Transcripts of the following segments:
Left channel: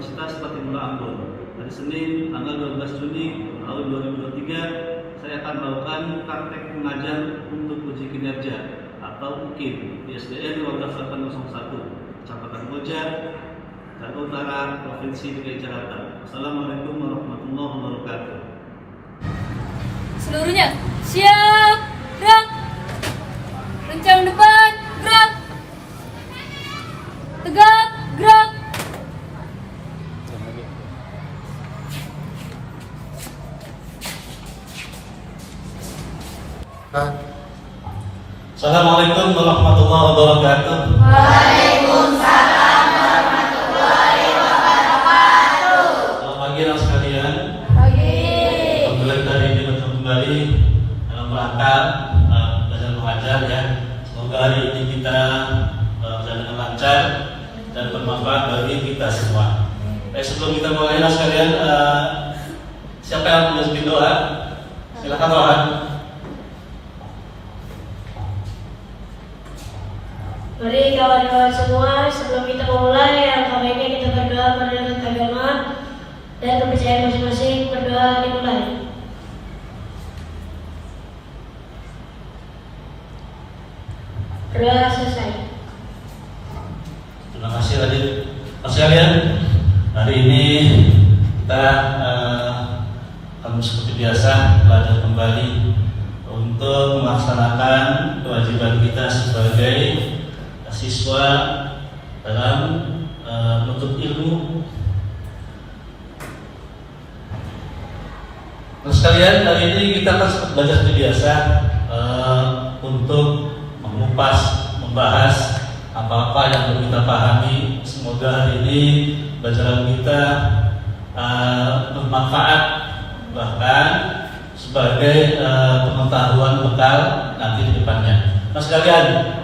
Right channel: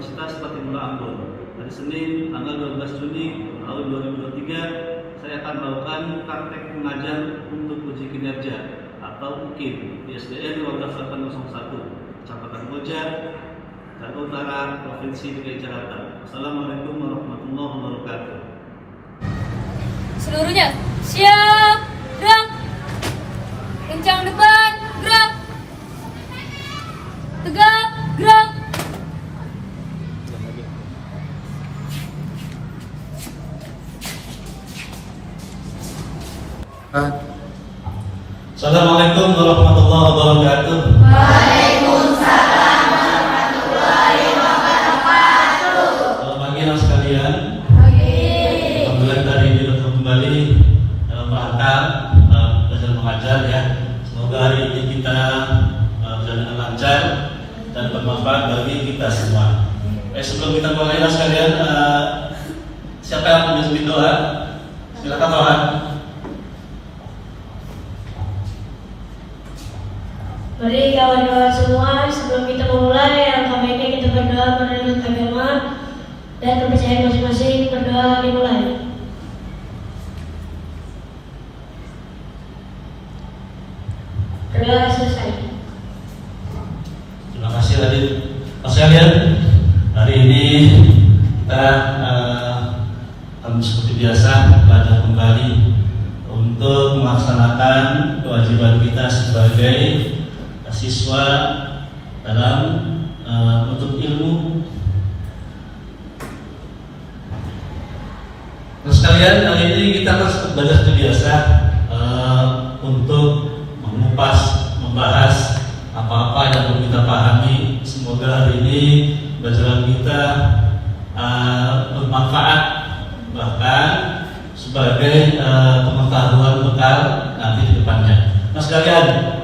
Universitas Patimura Ambon. Hari Senin tanggal 12 Juni tahun 2023 saya akan melakukan praktek pengajar untuk uji kinerja atau UKIM di SDN 12801 Kecamatan Koja, Jakarta Utara, Provinsi DKI Jakarta. Assalamualaikum warahmatullahi wabarakatuh. Seluruhnya siap, gerak, kencang depan, gerak, tegak, gerak. Assalamualaikum warahmatullahi wabarakatuh. Waalaikumsalam warahmatullahi wabarakatuh. Selamat pagi anak sekalian. Alhamdulillah hari ini bertemu kembali dalam rangka belajar mengajar ya. Semoga hari ini kita berjalan lancar dan bermanfaat bagi kita semua. Sebelum kita mulai anak sekalian, siapa yang punya sedikit doa? Silakan doa. Mari kawan-kawan semua, sebelum kita memulai, alangkah baiknya kita berdoa menurut agama dan kepercayaan masing-masing. Berdoa dimulai. Berdoa selesai. Terima kasih Radit. Mas kalian, hari ini kita seperti biasa belajar kembali untuk melaksanakan kewajiban kita sebagai siswa dalam menuntut ilmu. Terus sekalian, hari ini kita akan belajar seperti biasa untuk mengupas, membahas apa-apa yang perlu kita pahami. Semoga hari ini belajar kita bermanfaat, bahkan sebagai pengetahuan bekal nanti di depannya. Mas sekalian,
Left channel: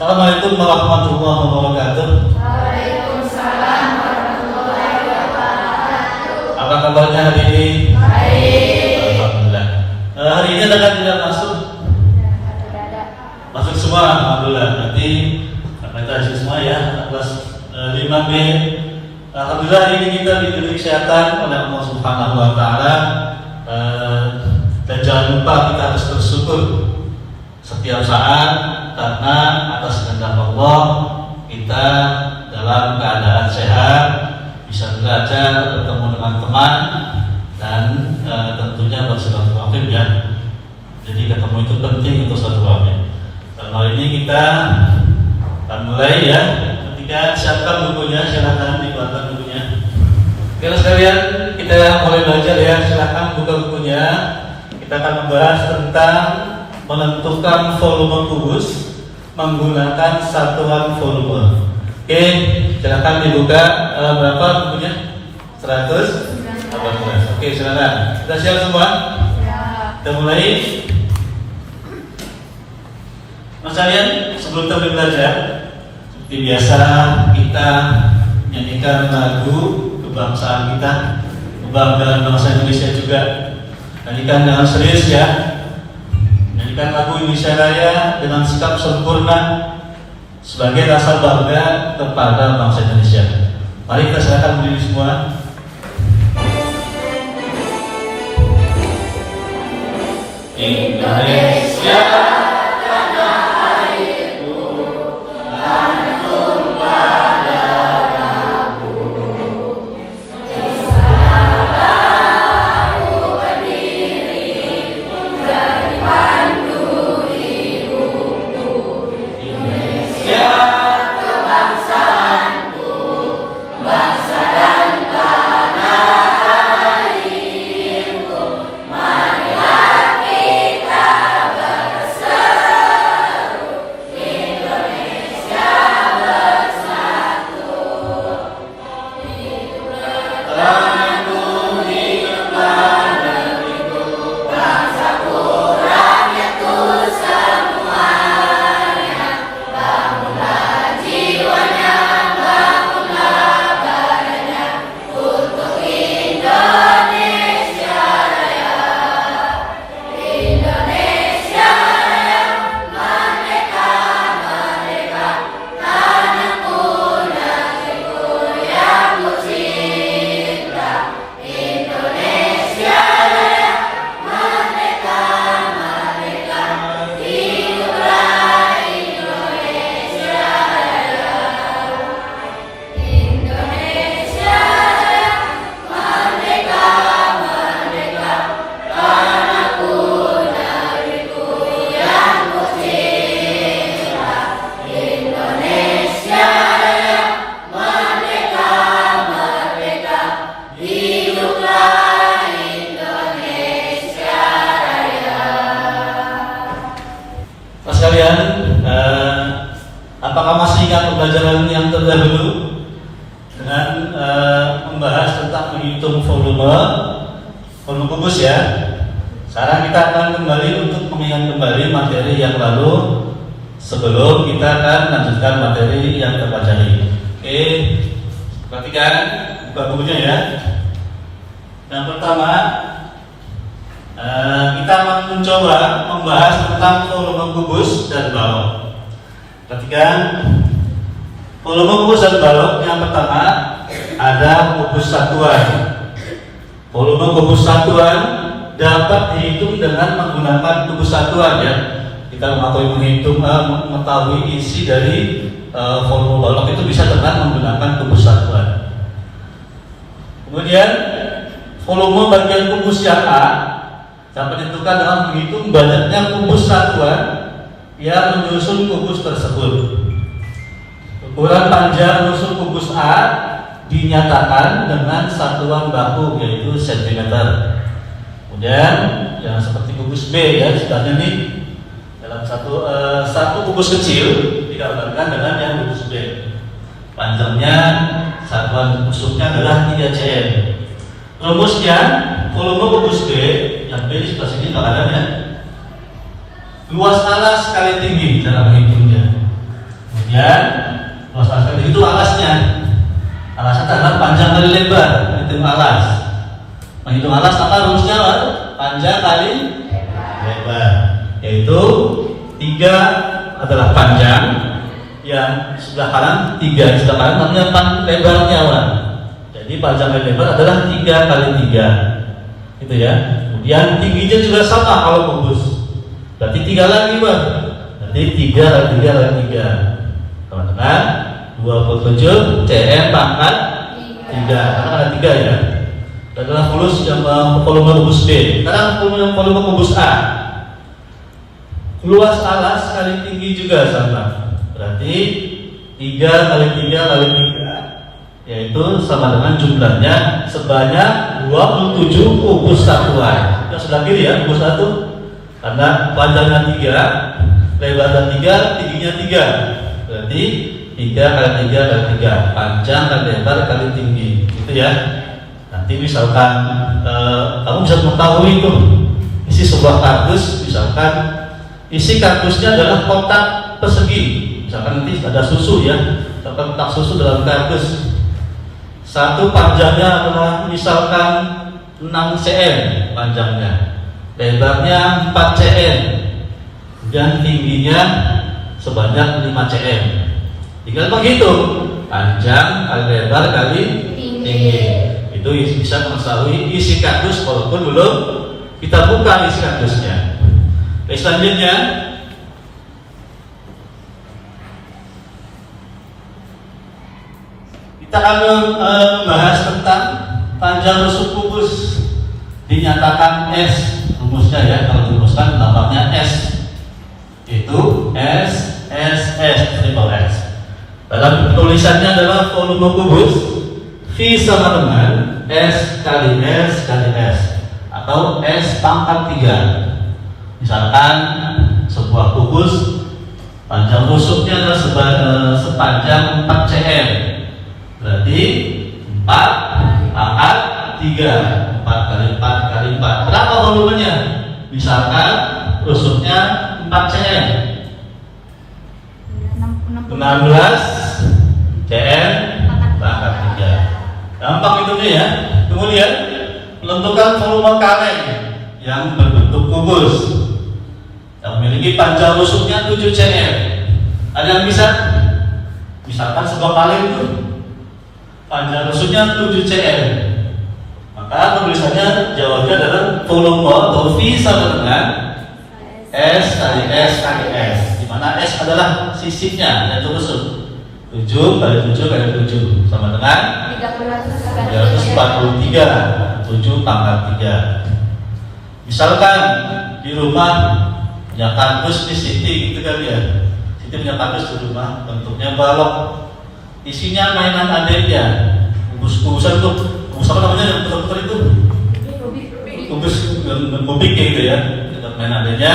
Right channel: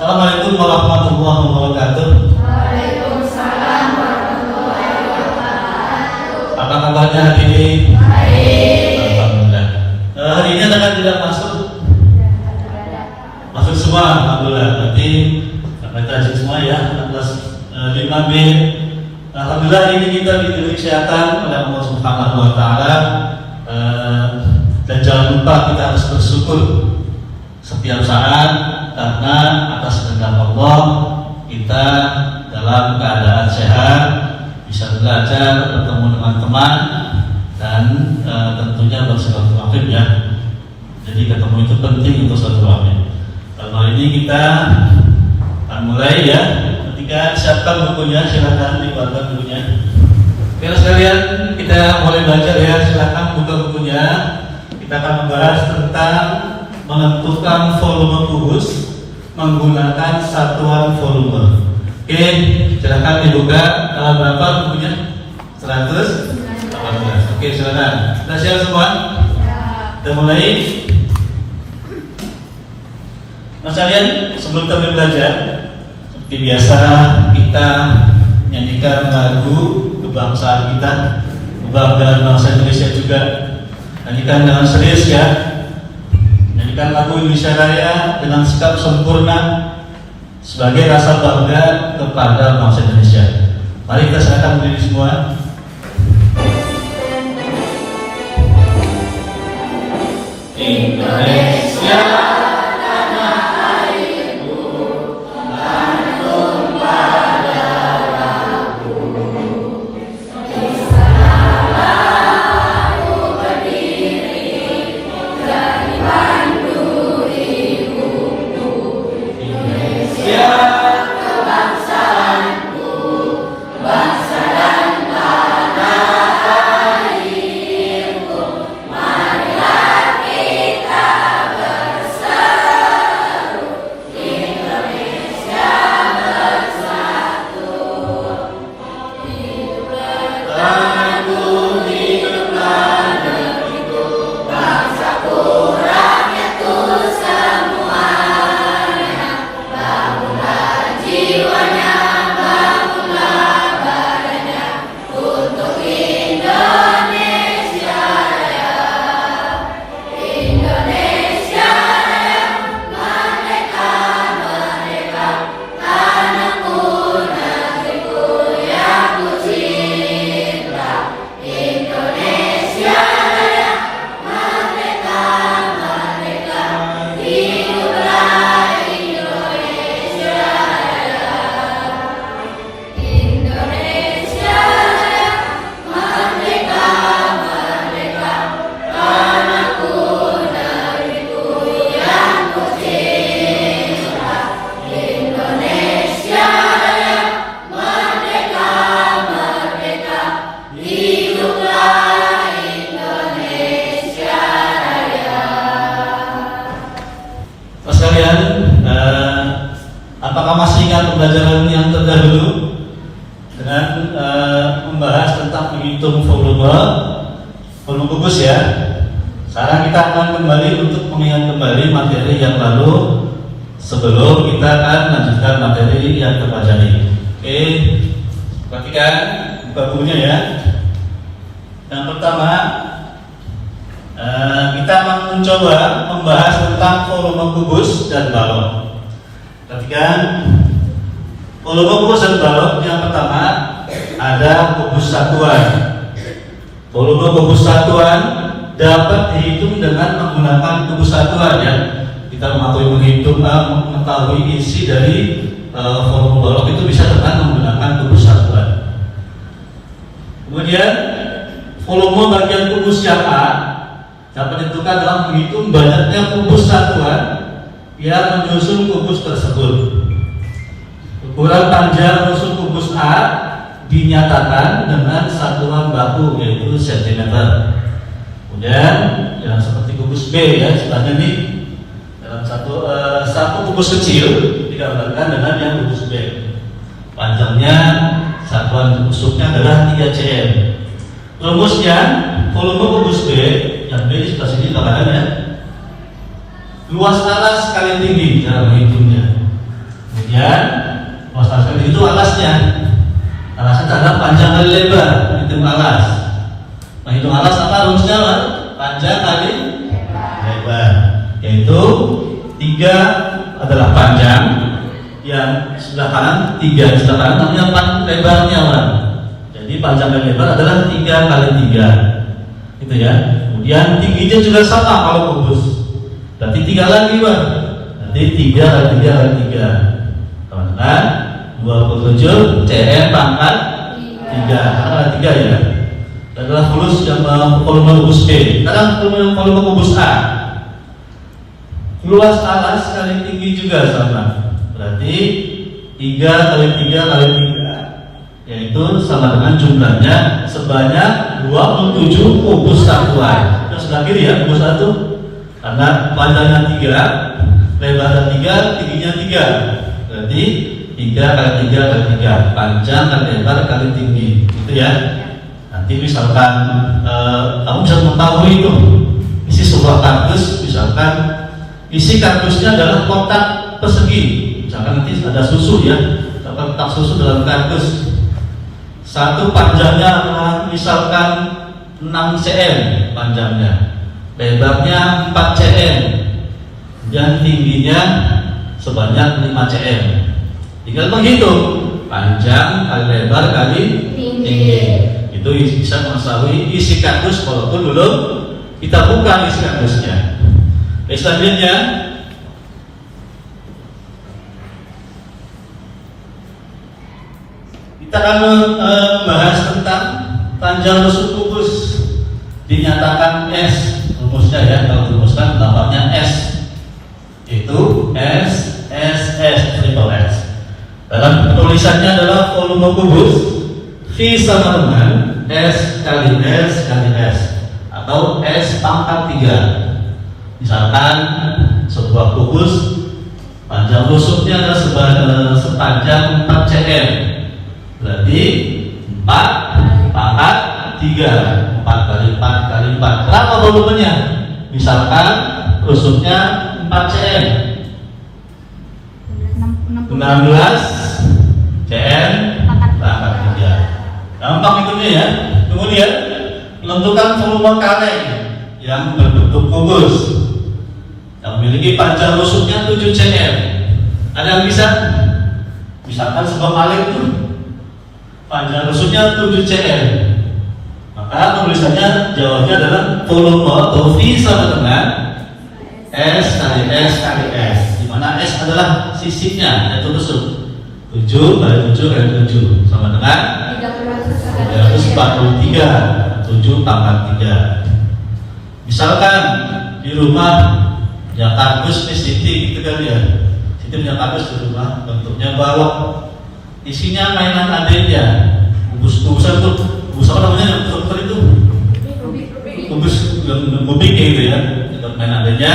Assalamualaikum warahmatullahi wabarakatuh. Waalaikumsalam warahmatullahi wabarakatuh. Apa kabarnya hari ini? Baik. Alhamdulillah. Hari ini akan tidak masuk semua, alhamdulillah. Berarti kita masuk semua ya. Kelas 5B. Alhamdulillah hari ini kita diberi kesehatan oleh Allah Subhanahu Wa Taala. Dan jangan lupa kita harus bersyukur setiap saat, karena atas kehendak Allah kita dalam keadaan sehat, bisa belajar, bertemu dengan teman, dan tentunya bersilaturahim ya. Jadi ketemu itu penting untuk silaturahim. Kalau ini kita akan mulai ya. Ketika siapkan bukunya, silahkan dikeluarkan bukunya. Oke sekalian, kita mulai belajar ya. Silahkan buka bukunya. Kita akan membahas tentang menentukan volume kubus menggunakan satuan volume. Oke, silahkan dibuka. Berapa bukunya? 100? Oke, silakan. Sudah siap semua? Kita mulai. Mas kalian, sebelum kita belajar, seperti biasa kita nyanyikan lagu kebangsaan kita, kebanggaan bangsa Indonesia juga. Nyanyikan dengan serius ya. Nyanyikan lagu Indonesia Raya dengan sikap sempurna sebagai rasa bangga kepada bangsa Indonesia. Mari kita silakan berdiri semua. Indonesia tanah airku, lantung pada lagu. Kisahku berdiri dari pandu hidupku. Indonesia kebangsaanku, bangsa dan tanah airku. Marilah kita bersatu, Indonesia bersatu. Hiduplah hiduplah negeriku, bangsaku, rakyatku semuanya. Bangunlah jiwanya, bangunlah badannya untuk Indonesia Raya. Indonesia Raya, merdeka, merdeka, tanahku, negeriku yang ku cinta. pembelajaran yang terdahulu dengan membahas tentang menghitung volume kubus ya. Sekarang kita akan kembali untuk mengingat kembali materi yang lalu sebelum kita akan lanjutkan materi yang terpelajari. Oke, perhatikan buka bukunya ya. Yang pertama, kita mencoba membahas tentang volume kubus dan balok. Perhatikan, volume kubus dan balok yang pertama ada kubus satuan. Volume kubus satuan dapat dihitung dengan menggunakan kubus satuan ya. Kita mengetahui isi dari volume balok itu bisa dengan menggunakan kubus satuan. Kemudian volume bagian kubus yang A dapat ditentukan dalam menghitung banyaknya kubus satuan yang menyusun kubus tersebut. Ukuran panjang menyusun kubus A dinyatakan dengan satuan baku yaitu cm. Kemudian yang seperti kubus B ya, istilahnya nih dalam satu kubus kecil digambarkan dengan yang kubus B. Panjangnya satuan kubusnya adalah 3 cm. Rumusnya volume kubus B yang B di sebelah sini mengatakan ya, luas alas kali tinggi dalam menghitungnya. Kemudian luas alas kali tinggi itu alasnya. Alasnya adalah panjang kali lebar, menghitung alas. Menghitung alas maka rumusnya panjang kali lebar, yaitu 3 adalah panjang, yang sebelah kanan 3, sebelah kanan namanya lebarnya orang. Jadi panjang kali lebar adalah 3 kali 3, gitu ya. Kemudian tingginya juga sama kalau kubus, berarti 3 lagi bang, berarti 3 kali 3 kali 3, karena 27 cm pangkat 3, karena ada 3 ya. Adalah kubus yang volume kubus B. Sekarang volume kubus A. Luas alas kali tinggi juga sama. Berarti 3 kali 3 kali 3, yaitu sama dengan jumlahnya sebanyak 27 kubus satuan. Itu sebelah kiri ya, kubus satu. Karena panjangnya 3, lebarnya 3, tingginya 3. Berarti 3 kali 3 kali 3, panjang kali lebar kali tinggi. Gitu ya. Nanti misalkan kamu bisa mengetahui itu isi sebuah kardus, misalkan isi kardusnya adalah kotak persegi, misalkan nanti ada susu ya, kotak susu dalam kardus. Satu panjangnya adalah misalkan 6 cm panjangnya, lebarnya 4 cm, dan tingginya sebanyak 5 cm. Tinggal menghitung panjang kali lebar kali tinggi. Itu bisa mengetahui isi kardus walaupun belum kita buka isi kardusnya. Oke, selanjutnya kita akan membahas tentang panjang rusuk kubus. Dinyatakan S, rumusnya ya, kalau dirumuskan tambahnya S, itu S triple S. Dalam penulisannya adalah volume kubus V sama dengan S kali S kali S, atau S pangkat 3. Misalkan sebuah kubus panjang rusuknya adalah sepanjang 4 cm, berarti 4 pangkat 3, 4 kali 4 kali 4. Berapa volumenya? Misalkan rusuknya 4 cm, 16 cm pangkat 3. Gampang itunya ya. Kemudian menentukan volume kaleng yang berbentuk kubus yang memiliki panjang rusuknya 7 cm. Ada yang bisa? Misalkan sebuah kaleng itu panjang rusuknya 7 cm, maka tulisannya jawabannya adalah volume atau V sama dengan S kali S kali S, di mana S adalah sisinya, yaitu rusuk. 7 kali 7 kali 7 sama dengan 343, 7 pangkat 3. Misalkan di rumah ya kardus di Siti gitu kali ya, Siti punya kardus di rumah, bentuknya balok, isinya mainan adiknya, kubus-kubusan tuh, kubus apa namanya yang betul-betul itu, kubus bubik gitu ya, buat main adiknya.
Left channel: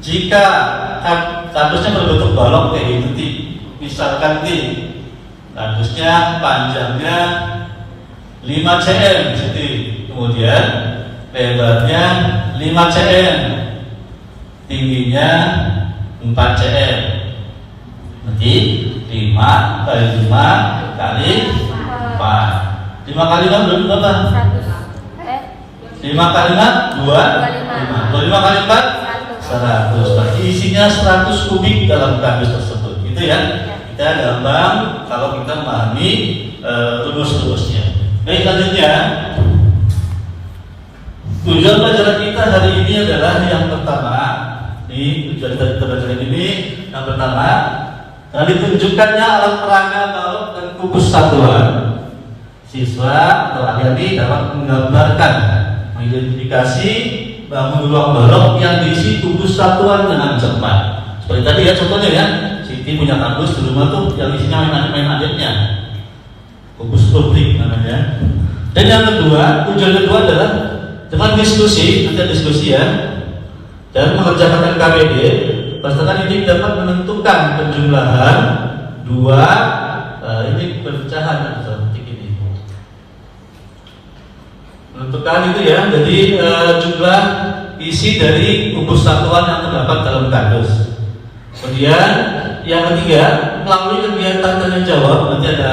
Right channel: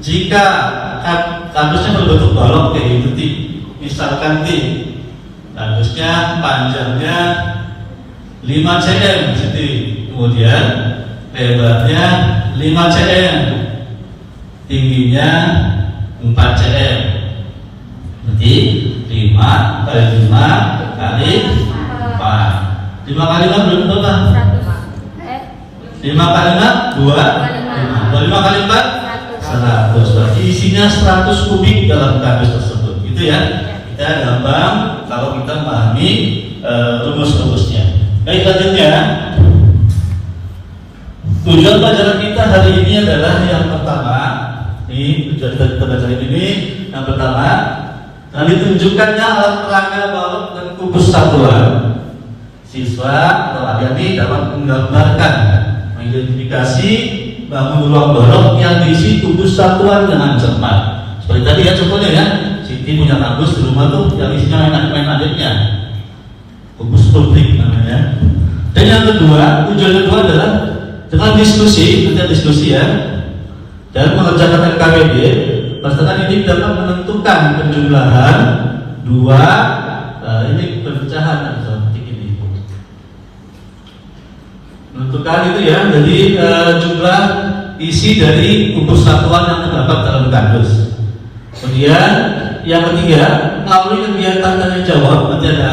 Jika kardusnya berbentuk balok kayak gitu, misalkan T, radiusnya panjangnya 5 cm, kemudian lebarnya 5 cm, tingginya 4 cm. Nanti 5 kali 5 kali 4. 5 kali 5 berapa? 5 kali 4 2. 5 kali 4 100. Berarti isinya 100 kubik dalam kardus tersebut. Gitu ya. Kita gampang kalau kita memahami rumus-rumusnya. Baik, selanjutnya tujuan pelajaran kita hari ini adalah yang pertama. Ini tujuan kita belajar ini yang pertama, ditunjukkannya alat peraga balok dan kubus satuan. Siswa atau adik-adik dalam menggambarkan, mengidentifikasi bangun ruang balok yang diisi kubus satuan dengan cepat. Seperti tadi ya contohnya ya, Siti punya kardus di rumah tuh yang isinya main adiknya, kubus publik namanya. Dan yang kedua, tujuan kedua adalah dengan diskusi, kita diskusi ya, dan mengerjakan MKBD, peserta didik dapat menentukan penjumlahan dua ini pemecahan seperti ini. Menentukan itu ya, jadi jumlah isi dari kubus satuan yang terdapat dalam kardus. Kemudian yang ketiga, melalui kegiatan tanya jawab, nanti ada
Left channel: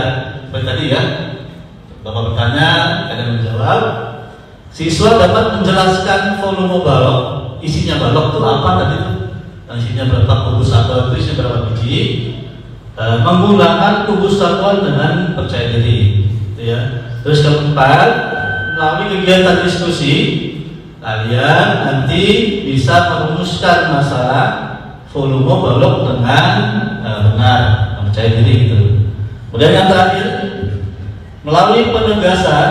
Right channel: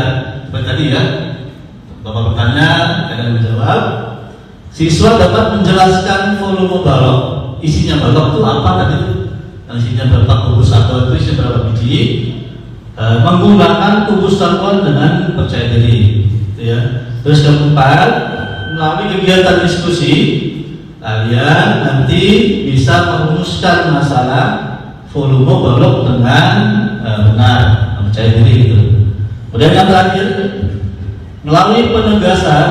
seperti tadi ya, Bapak bertanya, akan menjawab. Siswa dapat menjelaskan volume balok, isinya balok itu apa tadi itu, isinya berapa kubus satuan itu, isinya berapa biji, menggunakan kubus satuan dengan percaya diri, ya. Terus keempat, melalui kegiatan diskusi, kalian nanti bisa merumuskan masalah volume balok dengan benar, percaya diri gitu. Kemudian yang terakhir, melalui penegasan,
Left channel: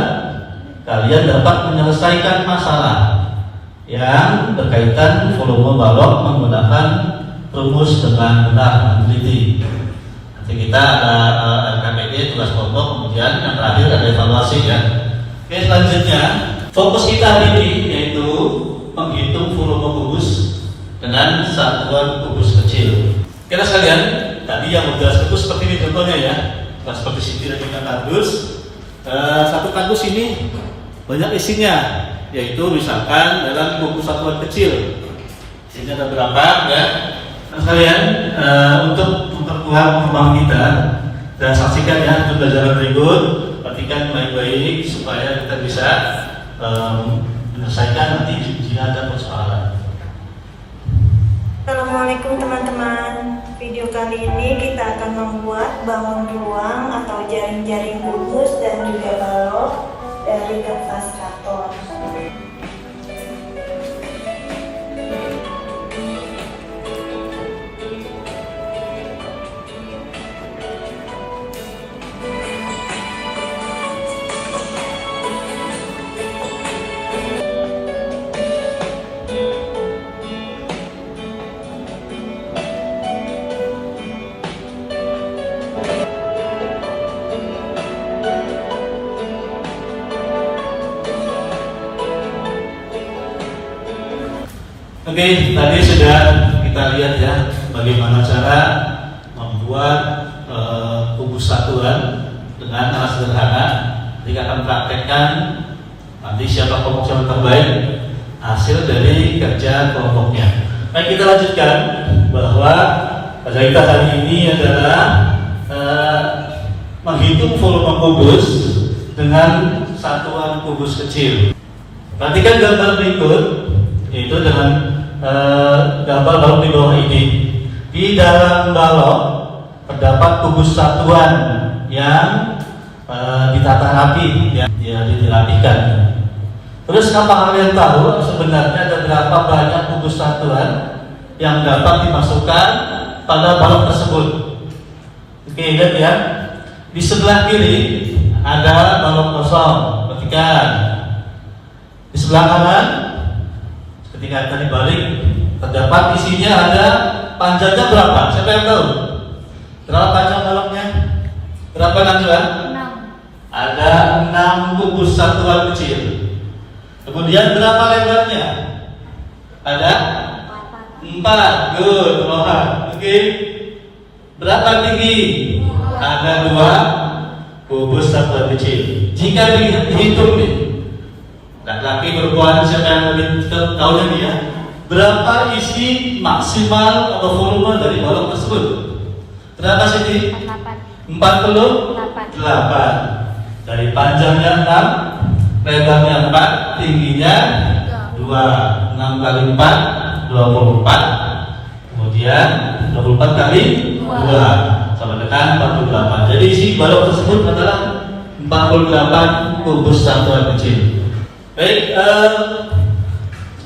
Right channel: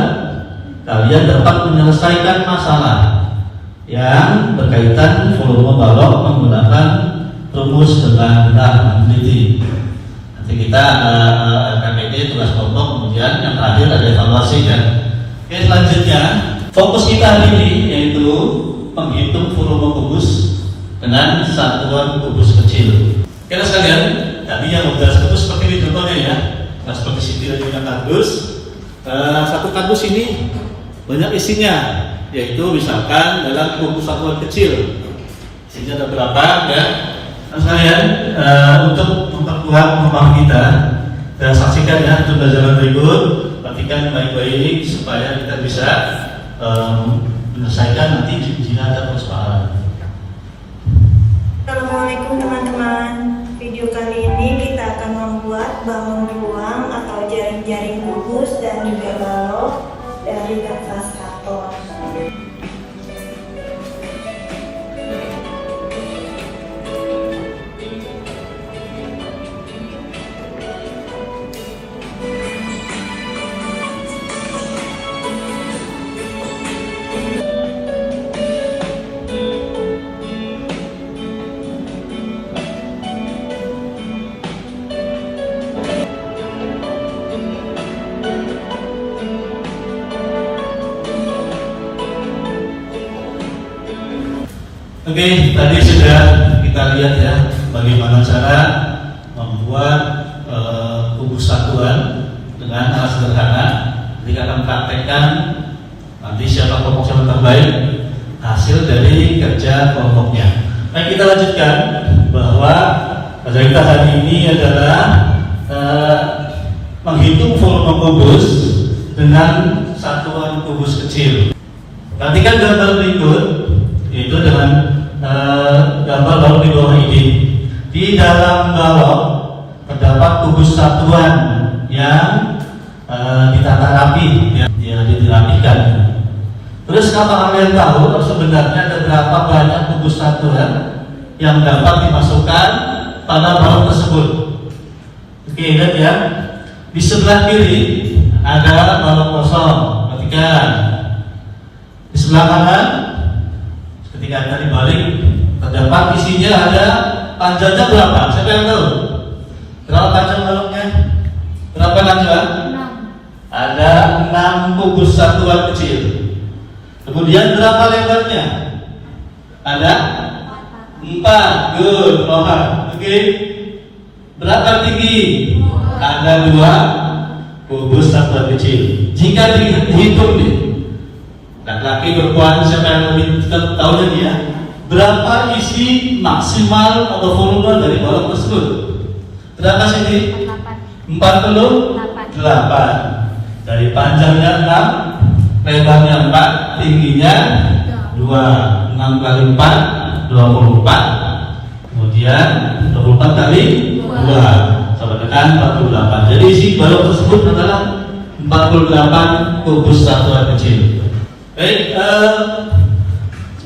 kalian dapat menyelesaikan masalah yang berkaitan volume balok menggunakan rumus dengan benar dan teliti. Nanti kita ada KPD, tugas kelompok, kemudian yang terakhir ada evaluasi ya. Oke, selanjutnya fokus kita hari ini yaitu menghitung volume kubus dengan satuan kubus kecil. Oke sekalian, tadi yang udah itu seperti ini contohnya ya. Nah, seperti sini dengan kardus. Satu kardus ini banyak isinya, yaitu misalkan dalam kubus satuan kecil isinya ada berapa ya. Nah sekalian, untuk memperkuat pemahaman kita dan saksikan ya untuk pelajaran berikut, perhatikan baik-baik supaya kita bisa menyelesaikan nanti ujian dan persoalan. Assalamualaikum teman-teman. Video kali ini kita akan membuat bangun ruang atau jaring-jaring kubus dan juga balok dari kertas karton. Oke, tadi sudah kita lihat ya bagaimana cara membuat kubus satuan dengan alat sederhana. Kita akan praktekkan nanti siapa kelompok yang terbaik hasil dari kerja kelompoknya. Baik, kita lanjutkan bahwa pada kita hari ini adalah menghitung volume kubus dengan satuan kubus kecil. Perhatikan gambar berikut, itu dengan gambar balok di bawah ini. Di dalam balok terdapat kubus satuan yang ditata rapi, yang dirapikan. Terus apa kalian tahu sebenarnya ada berapa banyak kubus satuan yang dapat dimasukkan pada balok tersebut? Oke, lihat ya. Di sebelah kiri ada balok kosong. Perhatikan. Di sebelah kanan, ketika kita dibalik, terdapat isinya ada panjangnya berapa? Siapa yang tahu? Berapa panjang baloknya? Berapa panjang? 6. Ada 6 kubus satuan kecil. Kemudian berapa lebarnya? Ada 4. Good. Oke. Berapa tinggi? Ada 2 kubus satuan kecil. Jika dihitung nih, laki-laki perempuan siapa yang lebih tahu tadi ya? Berapa isi maksimal atau volume dari balok tersebut? Berapa sih? 48. Dari panjangnya 6, lebarnya 4, tingginya 2. 6 kali 4, 24. Kemudian 24 kali 2 sama dengan 48. Jadi isi balok tersebut adalah 48 kubus satuan kecil. Baik,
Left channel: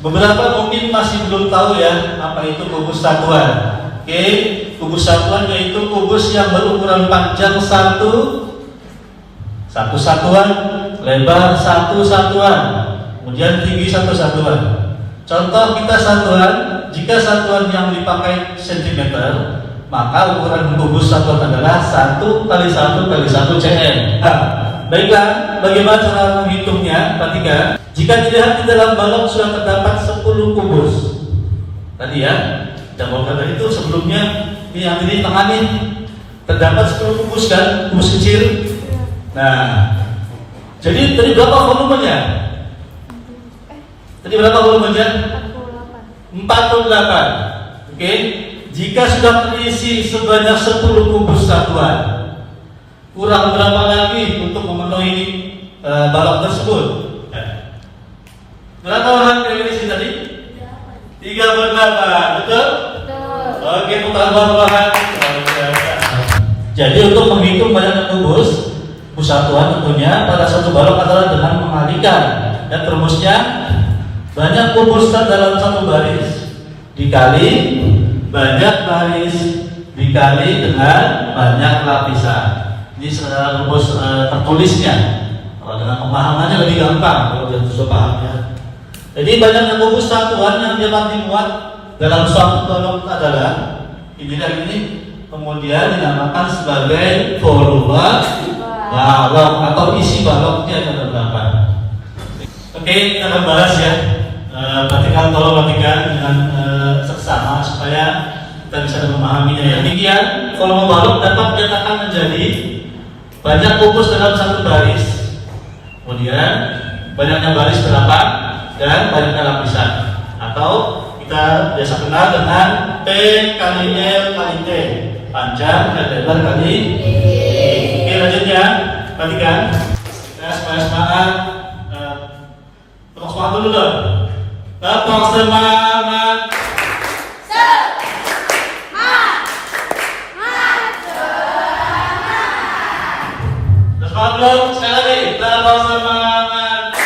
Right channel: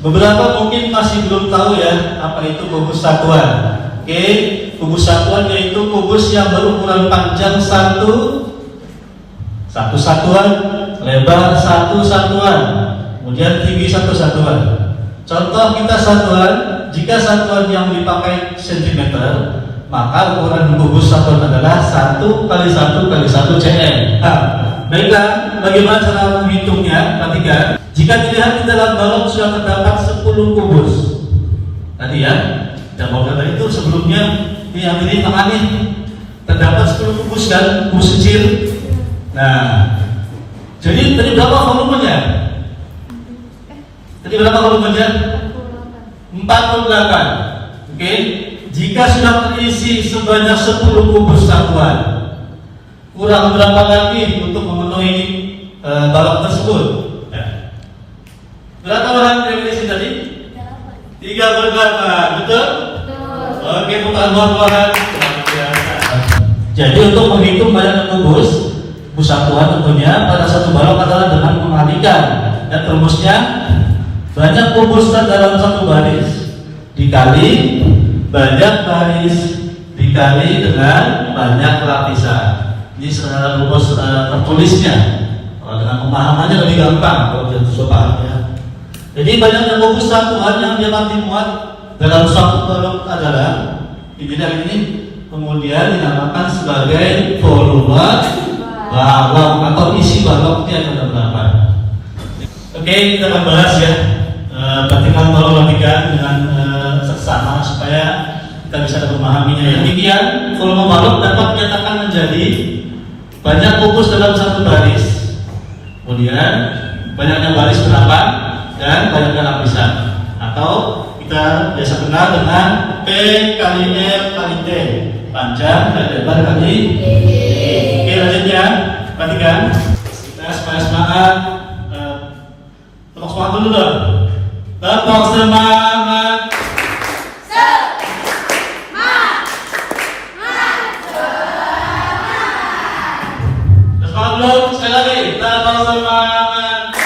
beberapa mungkin masih belum tahu ya apa itu kubus satuan. Oke, kubus satuan yaitu kubus yang berukuran panjang satu satuan, lebar satu satuan, kemudian tinggi satu satuan. Contoh kita satuan, jika satuan yang dipakai cm, maka ukuran kubus satuan adalah 1 kali 1 kali 1 cm. Baiklah, bagaimana cara menghitungnya? Perhatikan. Jika dilihat di dalam balok sudah terdapat 10 kubus. Tadi ya, kita mau kata itu sebelumnya yang ini tengah nih terdapat 10 kubus kan, kubus kecil. Nah, jadi tadi berapa volumenya? Tadi berapa volumenya? 48. Oke. Jika sudah terisi sebanyak 10 kubus satuan, kurang berapa lagi untuk memenuhi balok tersebut? Berapa orang yang diisi tadi? 38, betul? Oke, putar balik. Jadi untuk menghitung banyak kubus satuan tentunya pada satu balok adalah dengan mengalihkan dan rumusnya banyak kubus dalam satu baris dikali banyak baris dikali dengan banyak lapisan. Ini rumus tertulisnya. Dengan pemahamannya lebih gampang kalau kita sudah pahamnya. Jadi banyak kubus satuan yang dapat dimuat dalam satu balok adalah ini dan ini, kemudian dinamakan sebagai volume balok atau isi baloknya ada berapa. Oke, kita akan bahas ya. Perhatikan, tolong perhatikan dengan seksama supaya kita bisa memahaminya ya. Demikian volume balok dapat dinyatakan menjadi banyak kubus dalam satu baris, kemudian banyaknya baris berapa dan banyaknya lapisan, atau kita biasa kenal dengan P kali L kali T, panjang dan lebar kali. Oke, lanjutnya perhatikan. Kita semangat, tepuk semangat dulu dong. Tepuk semangat. Semangat sekali lagi. Tepuk semangat.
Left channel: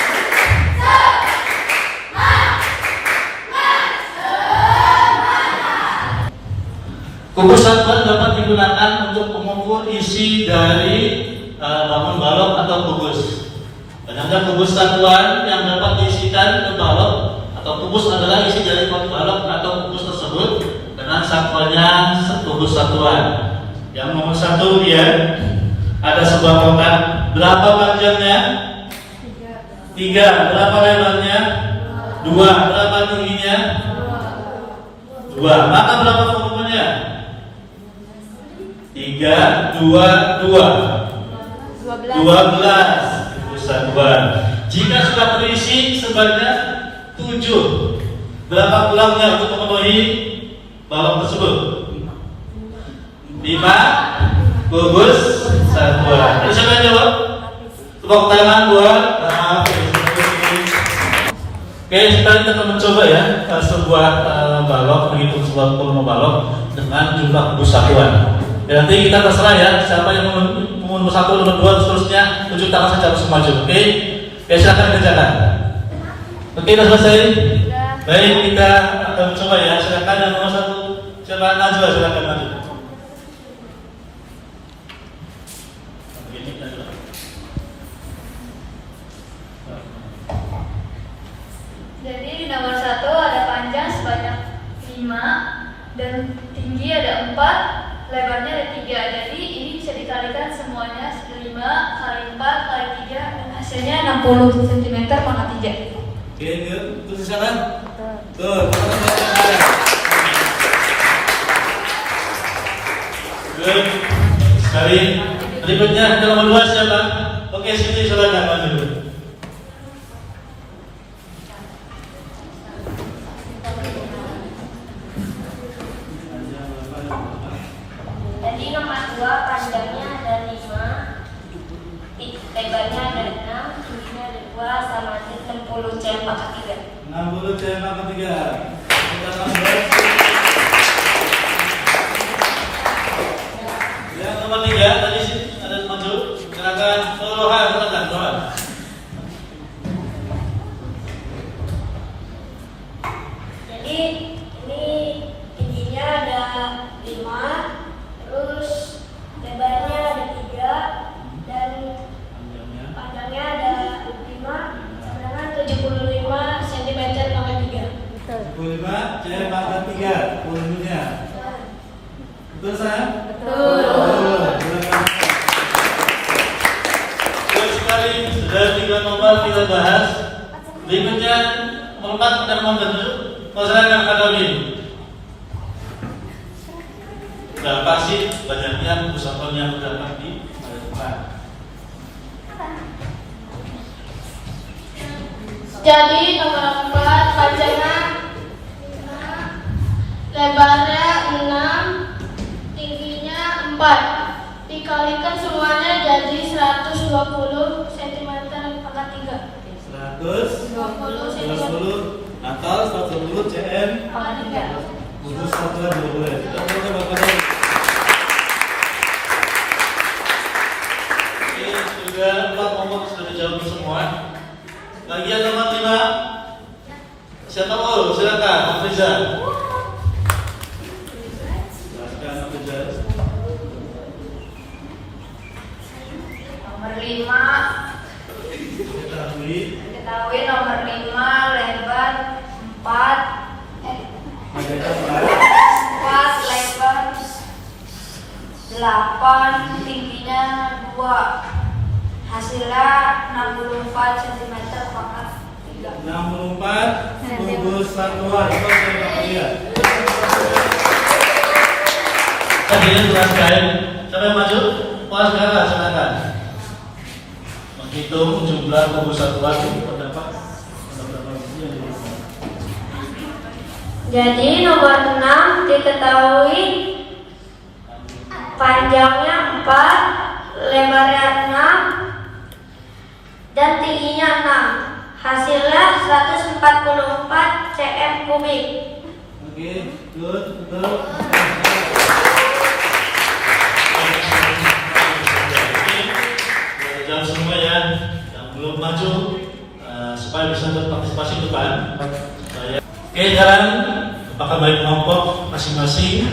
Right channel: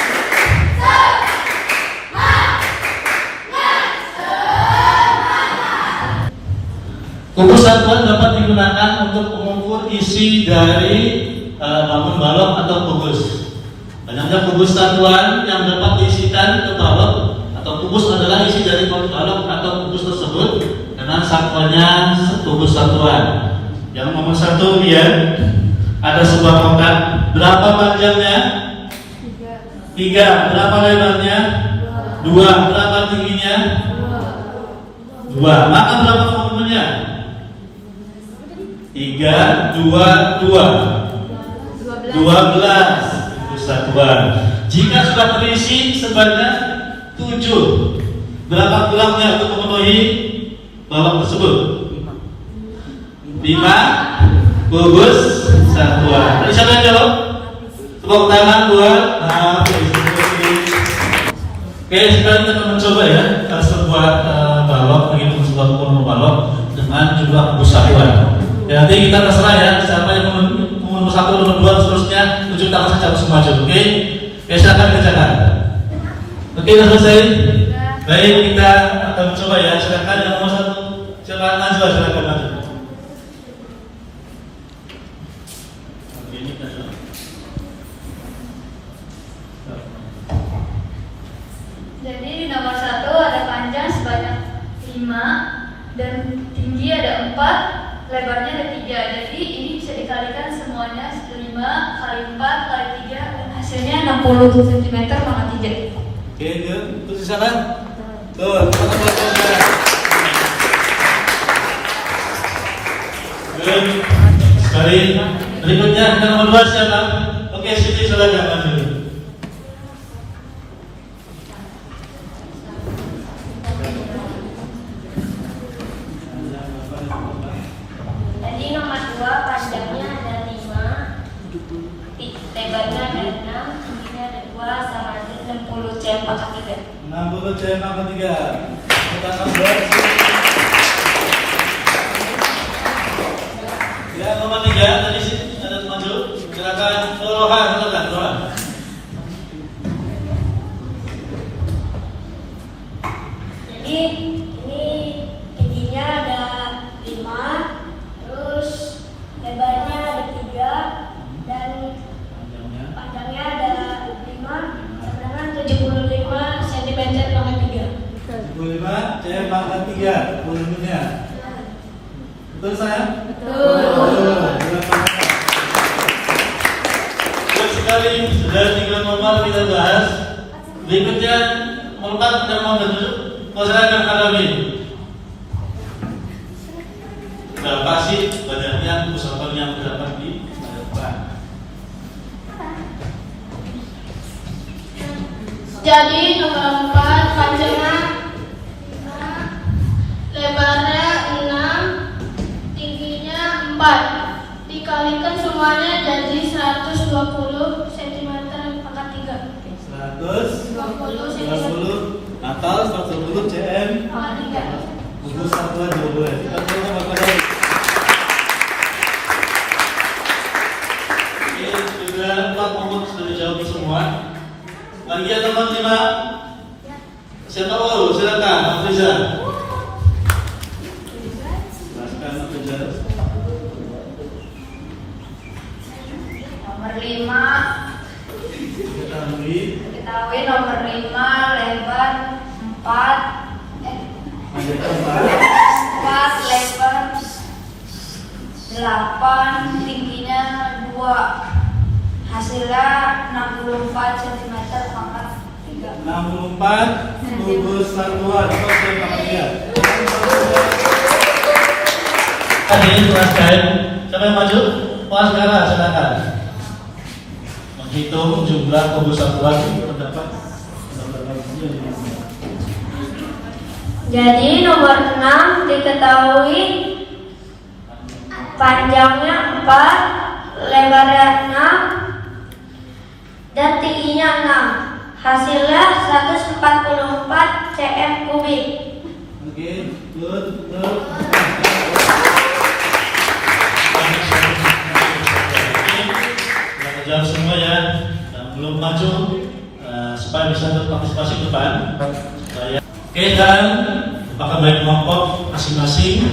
Kubus satuan dapat digunakan untuk mengukur isi dari bangun balok atau kubus. Banyaknya kubus satuan yang dapat diisikan ke balok atau kubus adalah isi dari balok atau kubus tersebut dengan sampelnya kubus satuan. Yang nomor 1 dia ada sebuah kotak. Berapa panjangnya? 3. Berapa lebarnya? 2. Berapa tingginya? 2. Maka berapa volumenya? 3, 2, 12 satuan. Jika sudah terisi sebanyak 7, berapa tulangnya untuk memenuhi balok tersebut? 5 kubus satuan. Bisa kalian jawab? Tepuk tangan buat Oke, sekarang kita akan mencoba ya sebuah balok, menghitung sebuah volume balok dengan jumlah kubus satuan. Ya, nanti kita terserah ya, siapa yang nomor 1, nomor 2, seterusnya tunjuk tangan saja harus maju. Oke, silakan kerjakan. Oke, sudah selesai. Baik, kita akan mencoba ya. Silakan yang nomor 1, silakan maju, silakan maju. Jadi nomor 1 ada panjang sebanyak 5 dan tinggi ada 4, lebarnya ada 3. Jadi ini bisa dikalikan semuanya 5 kali 4 kali 3 dan hasilnya 60 cm sama 3. Oke, itu di sana. Tuh, teman-teman. Good. Sekali. Berikutnya nomor 2 siapa? Oke, sini silakan maju. Jadi nomor 2 panjangnya ada 5, lebarnya ada 6, tingginya ada 2, sama aja 60 cm pangkat 3. 60 cm pangkat 3. Kita tambah. Ya, nomor 3 tadi sih ada maju. Silakan. Tuhan. Jadi ini tingginya ada 5, terus lebarnya ada 3, dan panjangnya ada 5, sedangkan 75 cm pangkat 3. 25 cm pangkat 3. Volumenya. Betul sayang? Betul. Baik sekali, sudah 3 nomor kita bahas. Berikutnya nomor 4 dan nomor 7. Silakan Kak. Berapa sih banyaknya usahawan yang terdapat di masa depan? Jadi nomor 4 panjangnya 5, lebarnya 6, tingginya 4, dikalikan semuanya jadi 120 cm pangkat 3. 120 atau 120 cm gugus satuan 12. Kita mulai Bapak dari. Oke, sudah 4 nomor sudah dijawab semua. Bagian nomor 5. Siapa tahu? Silakan, Mas Riza. Silakan, Mas Riza. Nomor 5. Ketahui. Ketahui nomor 5 lebar 4 Panjangnya 4 lebar 8, tingginya 2, hasilnya 64 cm pangkat 3. 64 gugus satuan. Apa sudah pakainya? Akhirnya jelaskan. Saya maju. Pos sekarang, silakan. Menghitung jumlah gugus satuan terdapat. Jadi nomor 6 diketahui panjangnya 4, lebarnya 6, dan tingginya 6. Hasilnya 144 cm kubik. Oke, good, good. Jawab semua ya, yang belum maju supaya bisa berpartisipasi ke depan. Oke, dan apakah baik kelompok masing-masing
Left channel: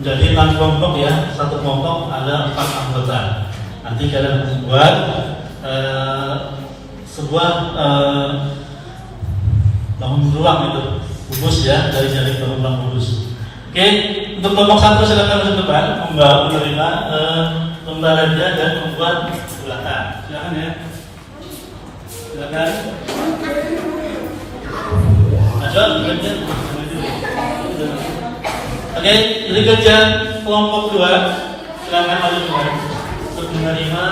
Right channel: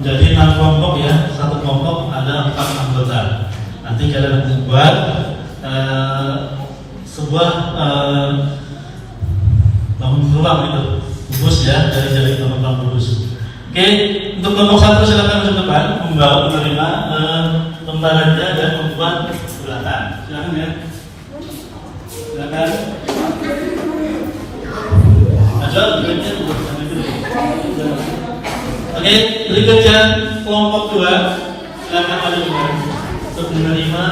menjadi 6 kelompok ya, satu kelompok ada 4 anggota. Nanti kalian membuat sebuah bangun ruang itu kubus ya, dari teman-teman kubus. Oke, untuk kelompok 1 silakan ke depan membawa menerima lembaran dia dan membuat bulatan. Silakan ya. Silakan. Ada berikutnya. Oke, berikutnya kelompok 2 silakan maju untuk menerima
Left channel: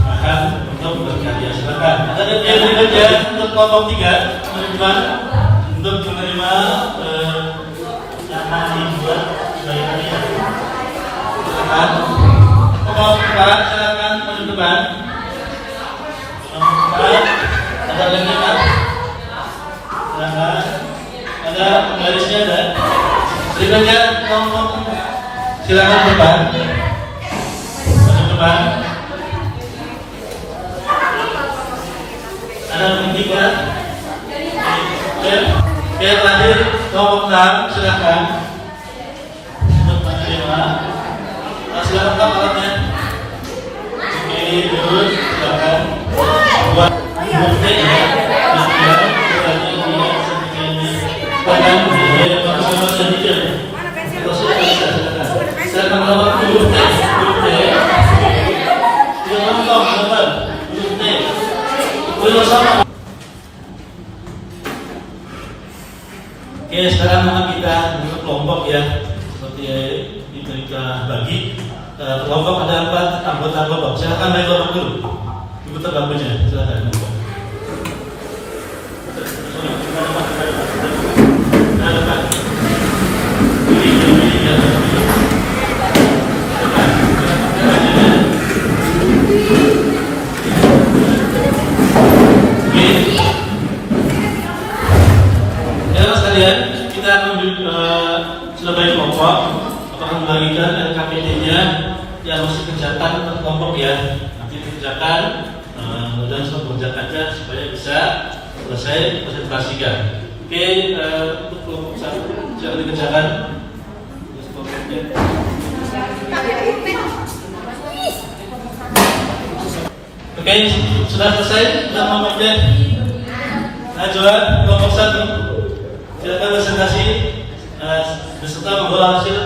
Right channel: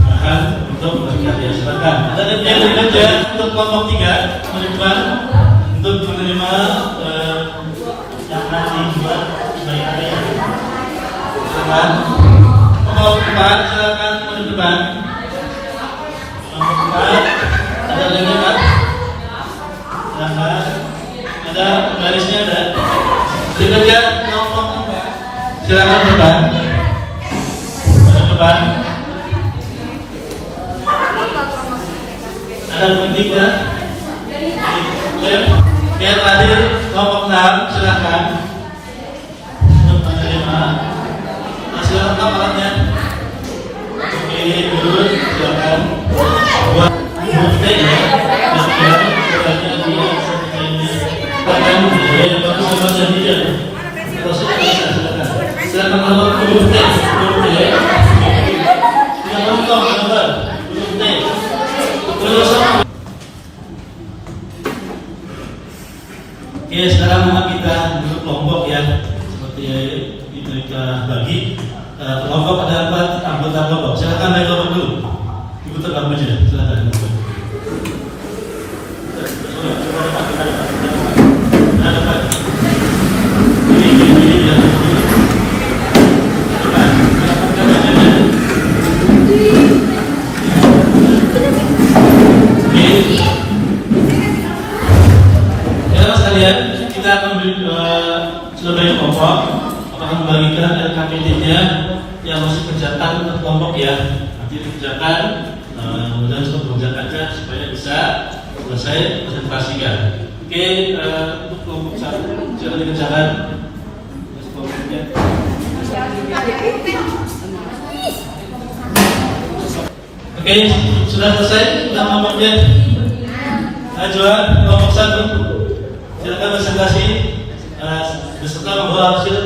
bahan untuk berkarya. Silakan. Ada yang berikutnya untuk kelompok 3 menerima untuk menerima bahan dibuat berkarya. Silakan. Kelompok 4 silakan maju depan. Kelompok 4 ada yang depan. Ada garisnya ada. Berikutnya kelompok silakan depan. Maju depan. Ada tiga. Biar terakhir kelompok 6 silakan untuk menerima. Silakan Pak alatnya. Oke, dulu silakan. Buat bukti ya. Oke, sekarang kita bentuk kelompok ya, seperti kita bagi. Kelompok ada 4 anggota kelompok. Silakan naik kelompok dulu. Ibu tergabung aja. Silakan. Kita akan sudah banyak kelompok, akan membagikan LKPD-nya yang masih kerjakan untuk kelompok ya. Nanti dikerjakan, kemudian semua kerjakannya supaya bisa selesai presentasikan. Oke, untuk kelompok 1 jangan dikerjakan. Kelompoknya. Oke, sudah selesai. Sudah kemudian ajuan kelompok 1. Silakan presentasi beserta membawa hasil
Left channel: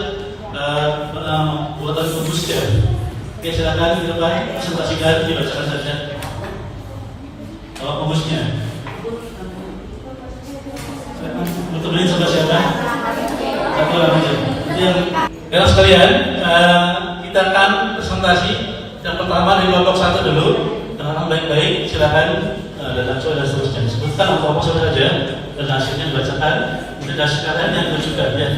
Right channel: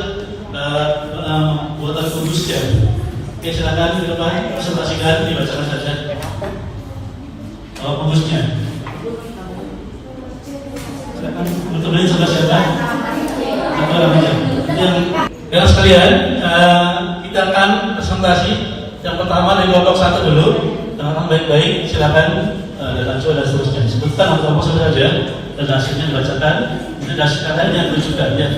buatan kudus ya. Oke, silakan dilakukan presentasikan, dibacakan saja. Kalau kudusnya. Silakan untuk ini sama siapa? Ya sekalian, kita akan presentasi. Yang pertama dari kelompok 1 dulu. Teman-teman baik-baik, silakan dan seterusnya disebutkan apa saja dan hasilnya dibacakan. Kita sekarang yang tunjukkan ya.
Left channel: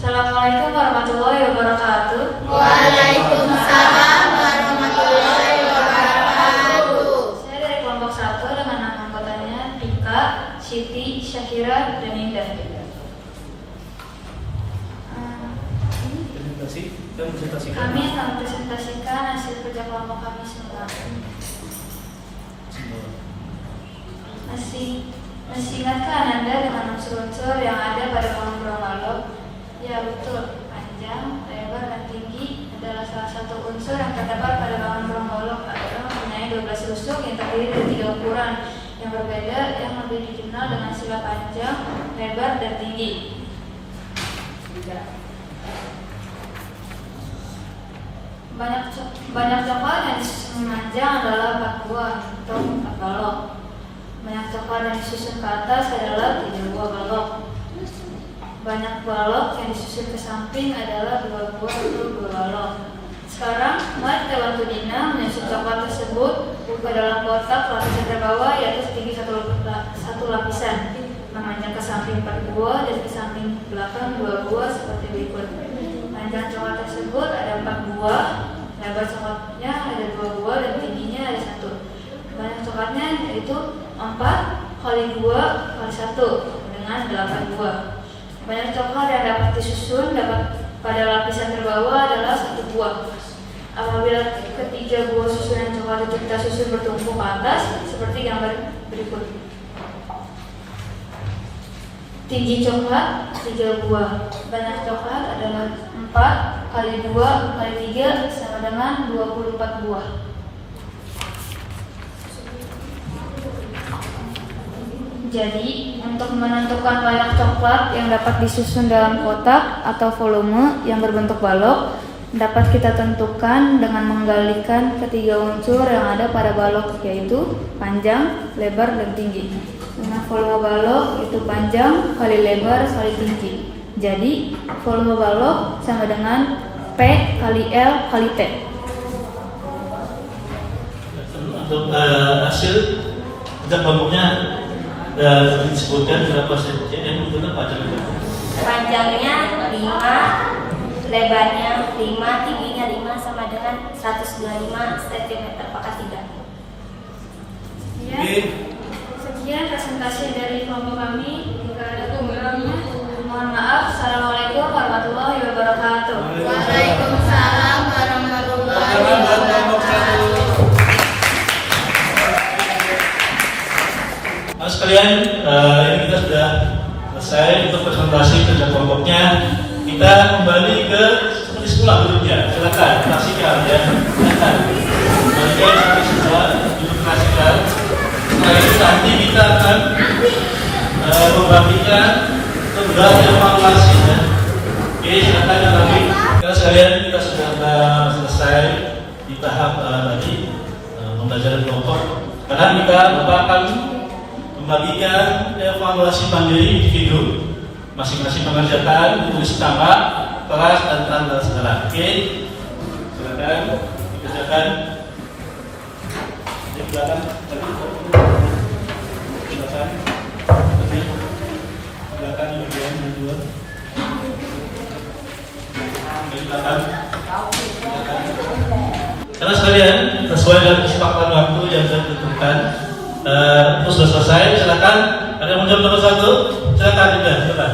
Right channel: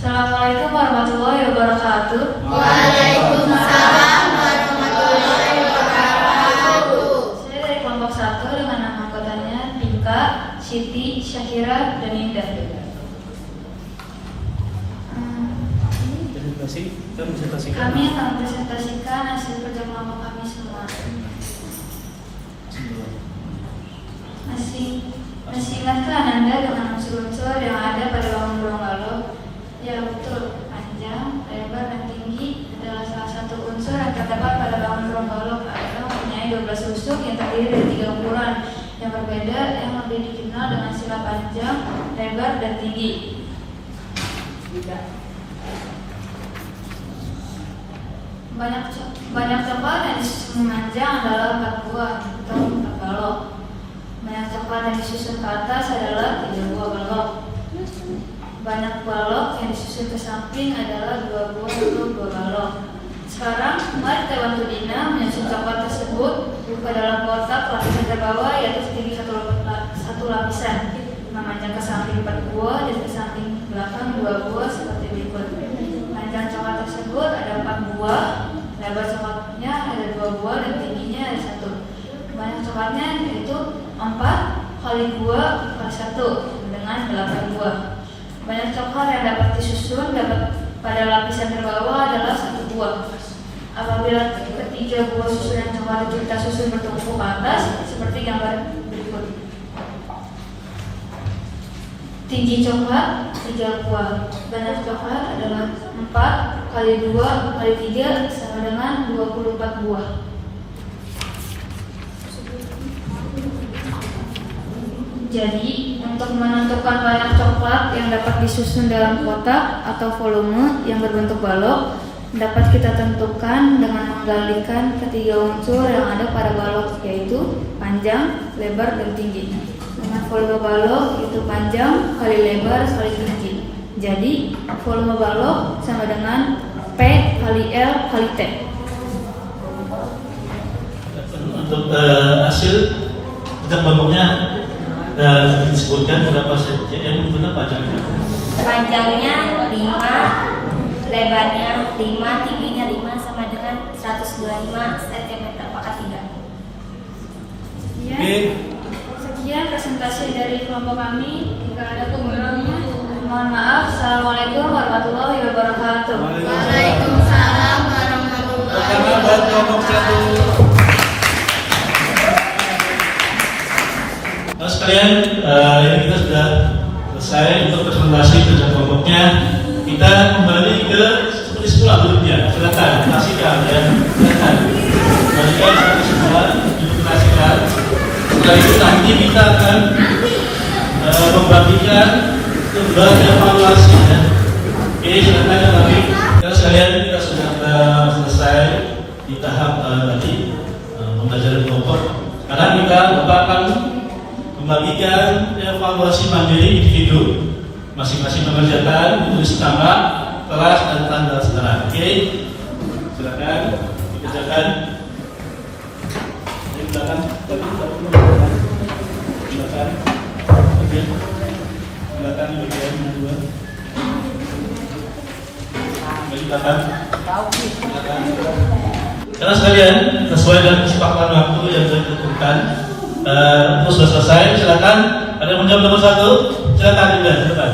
Assalamualaikum warahmatullahi wabarakatuh. Waalaikumsalam warahmatullahi wabarakatuh. Saya dari kelompok 1 dengan nama anggotanya Tika, Siti, Syakira, dan Indah. Kami akan presentasikan hasil kerja kelompok kami semua. Masih ingatkah Anda dengan unsur-unsur yang ada pada bangun belang-balok? Ya betul, panjang, lebar, dan tinggi adalah salah satu unsur yang terdapat pada bangun belang-balok adalah mempunyai 12 tusuk yang terdiri dari 3 ukuran yang berbeda yang lebih dikenal dengan sila panjang, lebar, dan tinggi. Banyak coklat yang memanjang adalah 4 buah atau 4 balok. Banyak coklat yang disusun ke atas adalah 3 buah balok. Banyak balok yang disusun ke samping adalah 2 buah atau 2 balok. Sekarang, mari kita bantu Dina menyusun coklat tersebut ke dalam kotak lapisan terbawah yaitu setinggi satu lapisan. Memanjang ke samping 4 buah dan ke samping belakang 2 buah seperti berikut. Panjang coklat tersebut ada 4 buah, lebar coklatnya ada 2 buah dan tingginya ada 1. Banyak coklatnya yaitu 4 kali 2 kali 1 dengan 8 buah. Banyak coklat yang dapat disusun pada lapisan terbawah adalah 1 buah. Apabila ketiga buah susunan coklat itu kita susun bertumpuk ke atas seperti gambar berikut. Tinggi coklat 3 buah. Banyak coklat adalah 4 kali 2 kali 3 sama dengan 24 buah. Jadi, untuk menentukan banyak coklat yang dapat disusun dalam kotak atau volume yang berbentuk balok, dapat kita tentukan dengan menggalikan ketiga unsur yang ada pada balok, yaitu panjang, lebar, dan tinggi. Dengan volume balok itu panjang kali lebar kali tinggi. Jadi, volume balok sama dengan P kali L kali T. Untuk hasil kita kelompoknya disebutkan berapa cm benar panjangnya? Panjangnya 5, lebarnya 5, tingginya 5 sama dengan 125 cm. Apakah tidak? Ya. Sekian presentasi dari kelompok kami. Jika ada kurangnya, mohon maaf. Assalamualaikum warahmatullahi wabarakatuh. Waalaikumsalam warahmatullahi Karena buat kelompok 1. Nah sekalian, ini kita sudah selesai untuk presentasi kerja kelompoknya. Kita kembali ke seperti sekolah dulunya. Silakan, saksikan ya. Silakan. Kembalikan seperti sekolah, saksikan. Setelah itu nanti kita akan membagikan tugas evaluasi. Oke, silakan nanti. Kita sekalian kita sudah selesai di tahap tadi pembelajaran kelompok. Sekarang kita akan membagikan evaluasi mandiri individu. Masing-masing mengerjakan tulis tambah kelas dan tanggal sekarang. Oke, silakan dikerjakan. Di belakang, belakang bagian kedua. Dari belakang. Terus sekalian, sesuai dengan kesepakatan waktu yang sudah ditentukan, sudah selesai. Silakan. Ada yang menjawab nomor 1? Silakan tidak. Silakan.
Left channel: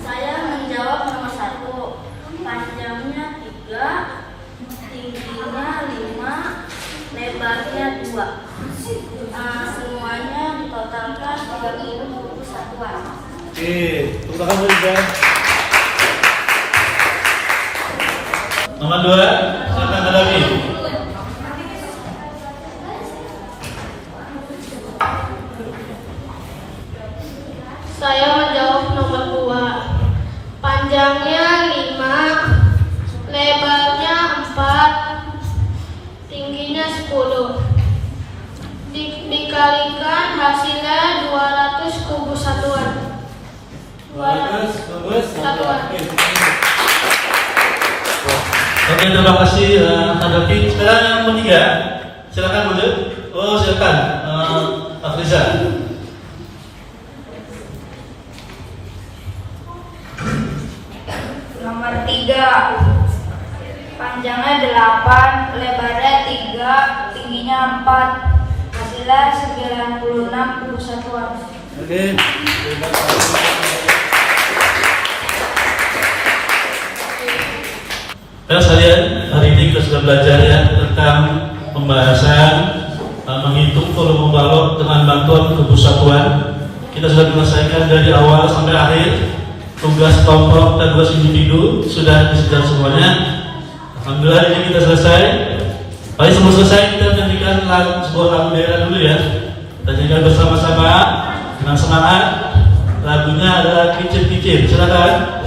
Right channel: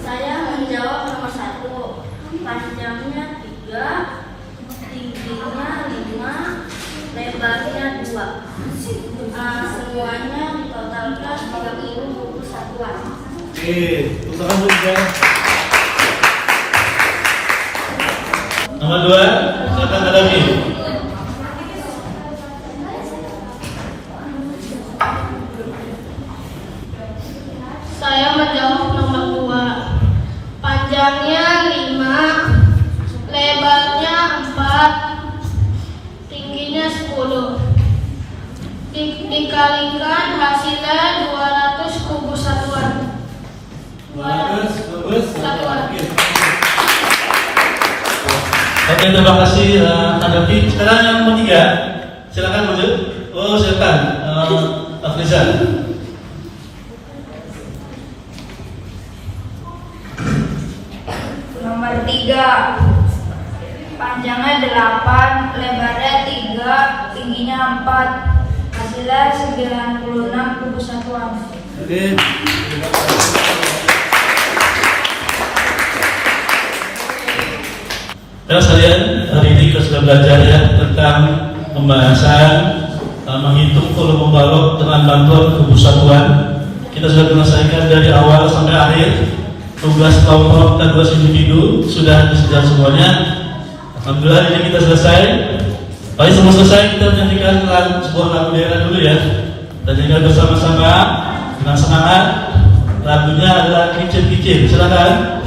Saya menjawab nomor 1. Panjangnya 3, tingginya 5, lebarnya 2. Semuanya ditotalkan 30 buku satuan. Oke, silakan sudah. Nomor 2, silakan lagi. Saya menjawab nomor 2. Panjangnya 5, lebarnya 4, tingginya 10. Dikalikan hasilnya 200 kubu satuan. 200 satuan. Oke, terima kasih Kak Davi. Sekarang yang ketiga, silakan dulu. Oh, silakan, Afriza. Nomor 3. Panjangnya 8, lebarnya 3, tingginya 4. Hasilnya 96 kubu satuan. Oke, terima kasih. Terus kalian hari ini kita sudah belajar ya tentang pembahasan menghitung volume balok dengan bantuan kubu satuan. Kita sudah menyelesaikan dari awal sampai akhir. Tugas kelompok dan tugas individu sudah diselesaikan semuanya. Alhamdulillah ini kita selesai. Tapi sebelum selesai kita menyanyikan lagu sebuah lagu daerah dulu ya. Kita nyanyikan bersama-sama dengan semangat. Lagunya adalah Kicin-Kicin. Silakan.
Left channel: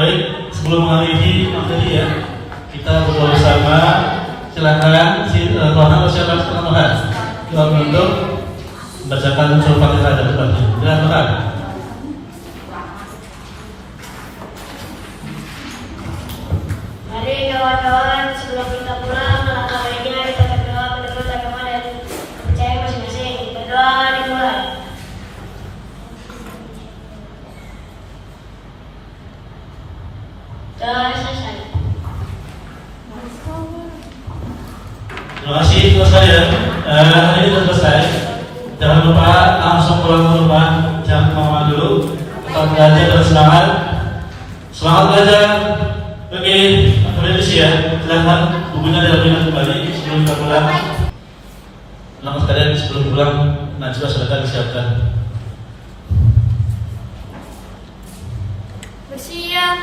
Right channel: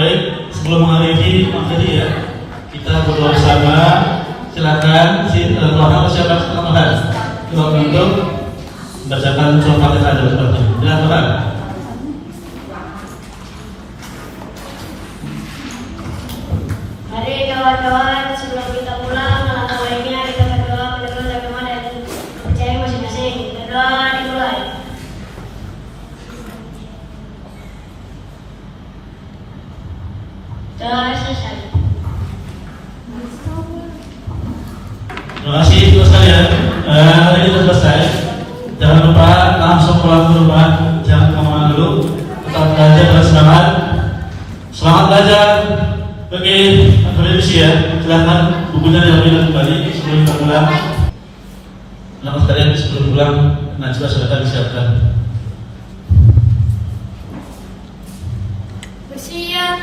Baik, sebelum mengakhiri materi ya, kita berdoa bersama. Silakan Tuhan bersama Tuhan untuk membacakan surat kita dari Tuhan. Silakan. Mari kawan-kawan, sebelum kita pulang, langkah baiknya kita berdoa berdoa dan doa yang percaya masing-masing. Berdoa dimulai. Doa selesai. Terima kasih teman sekalian. Hari ini sudah selesai. Jangan lupa langsung pulang ke rumah. Jangan kemana dulu. Tetap belajar dan semangat. Semangat belajar. Bagi akademisi ya. Silakan bukunya diambil kembali sebelum kita pulang. Teman sekalian sebelum pulang, najwa silakan disiapkan. Bersiap.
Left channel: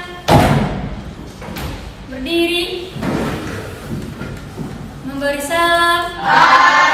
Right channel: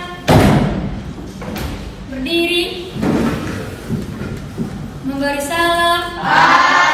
Berdiri. Memberi salam.